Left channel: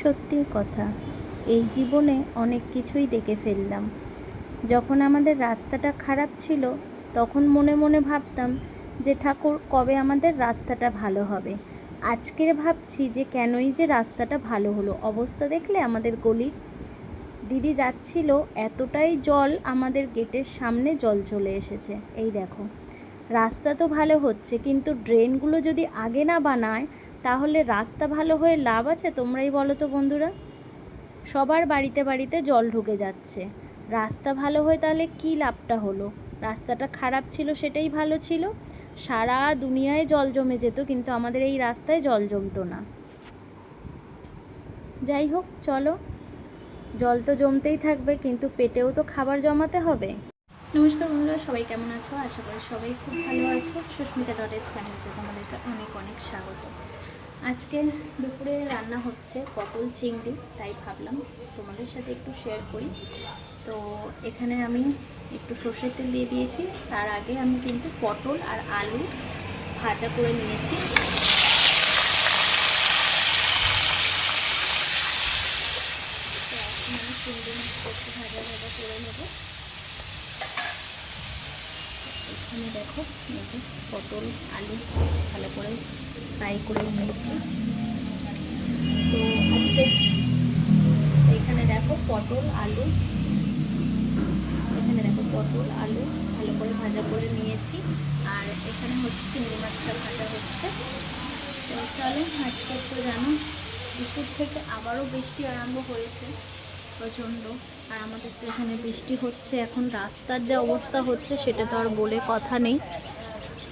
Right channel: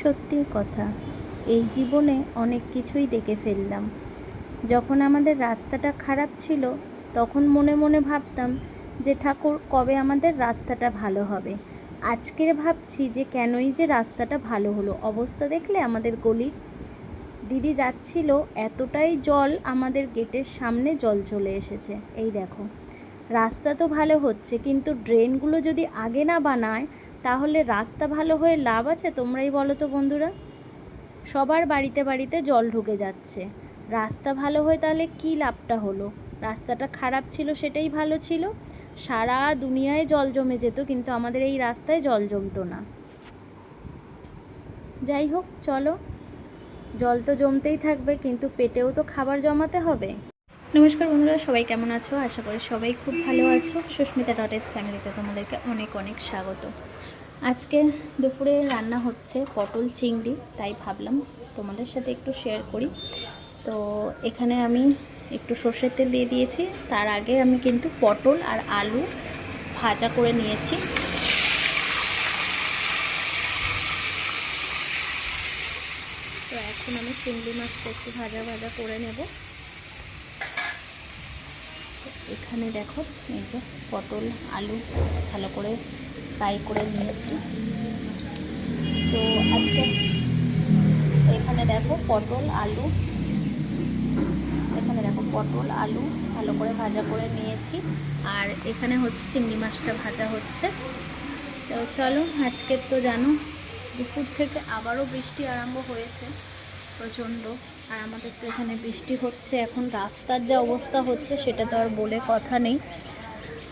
সত্যি কথা, এই জীবনে অনেক কিছুই দেখে ফেললাম। যখন আমাদের রাস্তাটা খারাপ ছিল তখন মনে মনে ভাবতাম যে ঠাকুর কবে আমাদের রাস্তাটা ভালো হবে। আজকের ভাবছি যে কেনই যে রাস্তাটা ভালো হলো। অবস্থা দেখলে আমাদের গলির, দিদি যাচ্ছিল এতটাই জল, আমাদের গেটের সামনে জল চলে এসেছে। এই দেখো, রাস্তা তো ভালো হচ্ছে কিন্তু ড্রেনগুলো যদি আগে না বানায় তাহলে রাস্তা ভালো হয়ে লাভ আছে? তোমরাই বলো তো বন্ধুরা। সবার বাড়িতে বাড়িতে জল ঢুকে যাচ্ছে, রাস্তা ভালো হয়ে তাহলে কী লাভটা হলো? রাস্তাটা খারাপ ছিল সেটাই ভালো ছিল, সারা দুনিয়ায় জল জমে যেত কিন্তু আমাদের এই রাস্তায় জল জমতো না। যাই হোক, চলো, জল তো জমতেই থাকবে কিন্তু পেটেও তো খাবার জমাতে হবে। নমস্কার বন্ধুরা, সবাই কেমন আছো? আশা করি সবাই খুব ভালো আছো। সুস্মিতা ডটেস ফ্যামিলিতে তোমাদেরকে অনেক অনেক স্বাগত। আজকে দুপুরে রান্না হচ্ছে পটল চিংড়ি, তাই ভাবলাম তোমাদের সাথে একটু শেয়ার করি। তো এখানে আমি একটু সর্ষের তেল দিয়ে দিয়েছি। তার আগে আমি কিন্তু পটল আর আলু ভাজা করে নিয়েছি। তো এখন আমি চিংড়ি মাছটা একটু ভাজা ভাজা করে নেব। এখানে দেখো, এই যে পটল আলু ভালো করে ফ্রাই করে নিয়েছি। তো আজকে এখানে দেখো পটল আলু ভালো করে ভাজা করে নিয়েছি। আর এখানে হচ্ছে চিংড়ি মাছটা ভাজা হচ্ছে। তো চলো, আজকে তো জানো দুপুর থেকে আবারও বৃষ্টি আরম্ভ হয়েছে প্রচণ্ড। আর আমাদের তো এখানে বৃষ্টি হচ্ছে। এখন রাস্তার যা অবস্থা হচ্ছে সেটা তো আর বলে কথা নেই।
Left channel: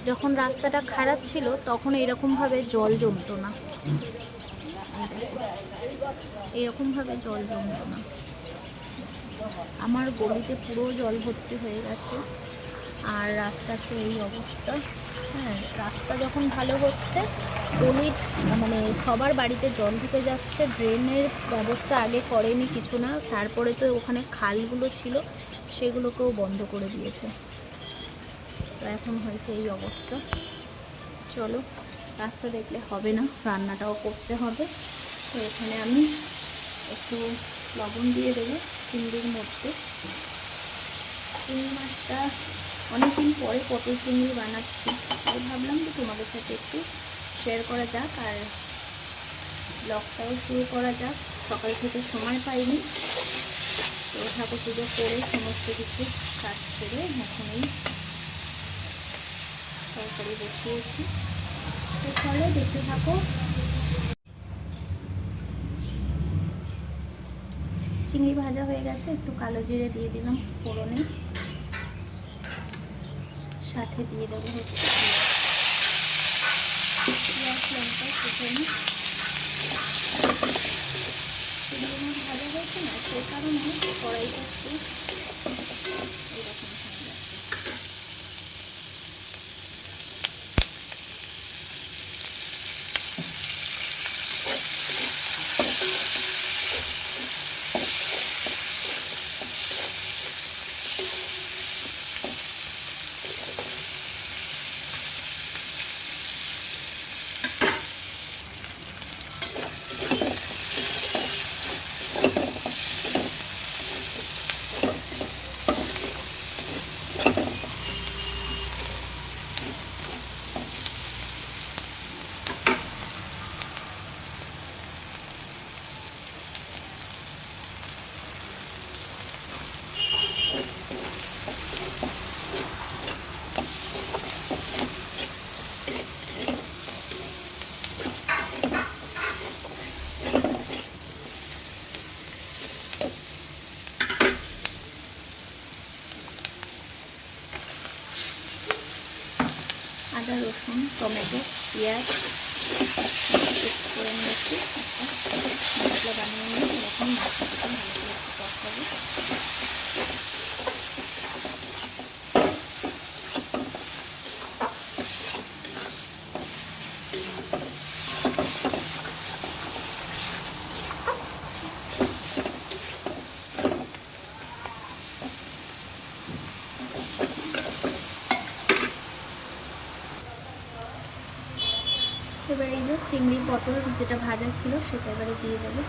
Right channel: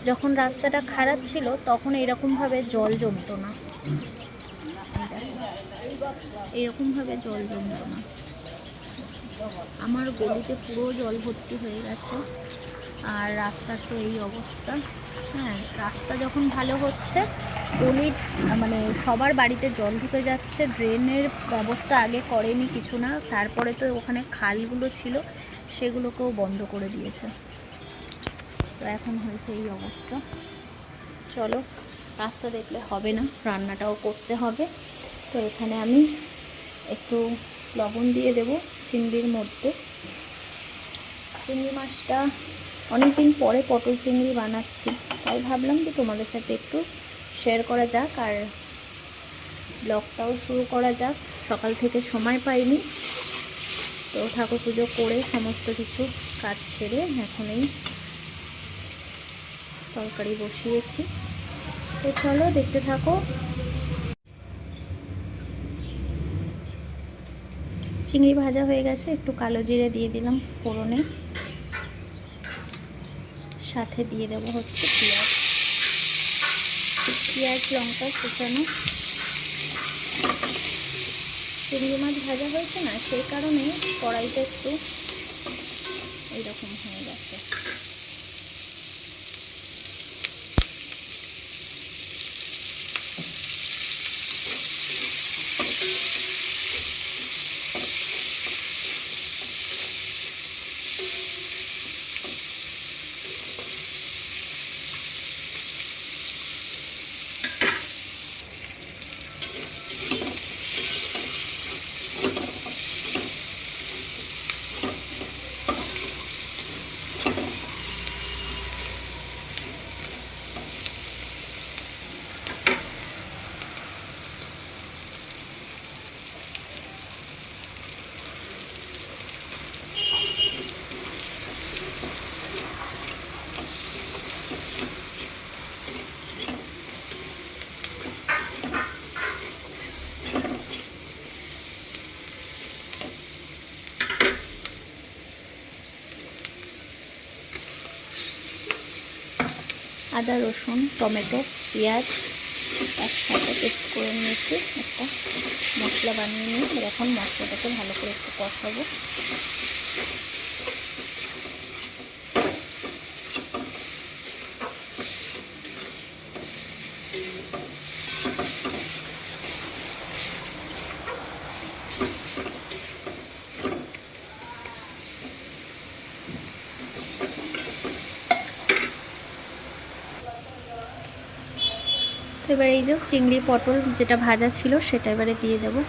যখন রাস্তাটা খারাপ ছিল তখন এইরকমভাবে জল জমতো না, এইরকমভাবে জল জমতো না। আমার গলিতে পুরো জল ভর্তি হয়ে গেছে আর রাস্তার তো এই অবস্থা। হ্যাঁ, রাস্তা যখন ভালো হচ্ছে গলির মানে সবার বাড়িতে জল ঢুকে যাচ্ছে। ড্রেনের ব্যবস্থা আগে করেনি কিছু না, তারপরে তো ওখানে খালগুলো ছিল সেগুলোকেও বন্ধ করে দিয়েছে। তো এখন হয়েছে এই অবস্থা। চলো, রাস্তা দেখলে হবে না, রান্নাটাও করতে হবে। তো এখানে আমি একটু লবণ দিয়ে দেবো চিংড়ির মধ্যে। চিংড়ি মাছটা অনেকদিন পরে পটল চিংড়ি বানাচ্ছি, তাই ভাবলাম যে তোমাদের সাথে একটু শেয়ার করা যাক আর ব্লগটাও শুরু করা যাক। সকাল থেকে সময় পাইনি, তো ঠাকুর পুজো করে সমস্ত কিছু কাজ সেরে এখন এই তরকারি বসিয়েছি। তো চলো দেখতে থাকো। চিংড়ি ভাজা হয়ে গেছে, একটু কালো জিরে দিয়ে দিলাম ফোড়নে, সাথে দিয়ে দেবো হচ্ছে পেঁয়াজ লঙ্কা কুচানো। চিংড়ি মাছ ভাজা হয়েছে না, সেই কারণে কড়াইটা একটু এইরকম হয়ে গেছে। আদা রসুন টমেটো পেঁয়াজ একসাথে পেস্ট করে নিয়েছি, একটা মশলা বানিয়ে নিয়ে এরকম মশলাটাকে ভালো করে একটু কষাবো। এবার এই যে চিংড়ি পটল যেটা ভাজা ছিল সেটা এবারে দিয়ে দেবো।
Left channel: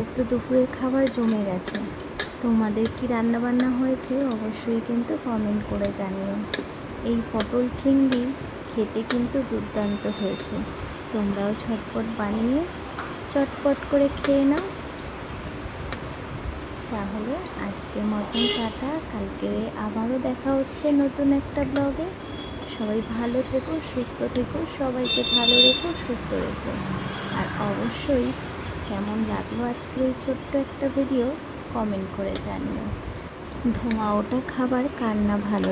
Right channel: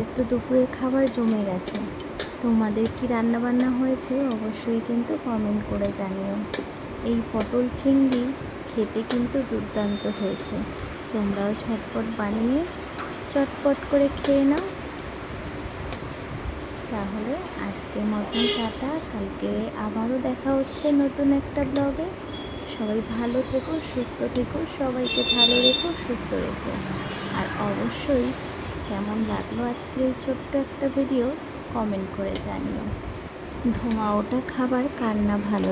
আমাদের তো দুপুরের খাবার জমে গেছে। তোমাদের কি রান্না বান্না হয়েছে অবশ্যই কিন্তু কমেন্ট করে জানিও। এই পটল চিংড়ি খেতে কিন্তু দুর্দান্ত হয়েছে। তোমরাও ঝটপট বানিয়ে চটপট করে খেয়ে নাও। তাহলে আজকের মতন টাটা, কালকে আবারও দেখা হচ্ছে নতুন একটা ব্লগে। সবাই ভালো থেকো, সুস্থ থেকো, সবাইকে ভালো রেখো, সুস্থ রেখো। আর অবশ্যই কেমন লাগলো আজকের এই ছোট্ট একটা ভিডিও কমেন্ট করে জানিও। ধোঁয়া ওঠা খাবার কার না ভালো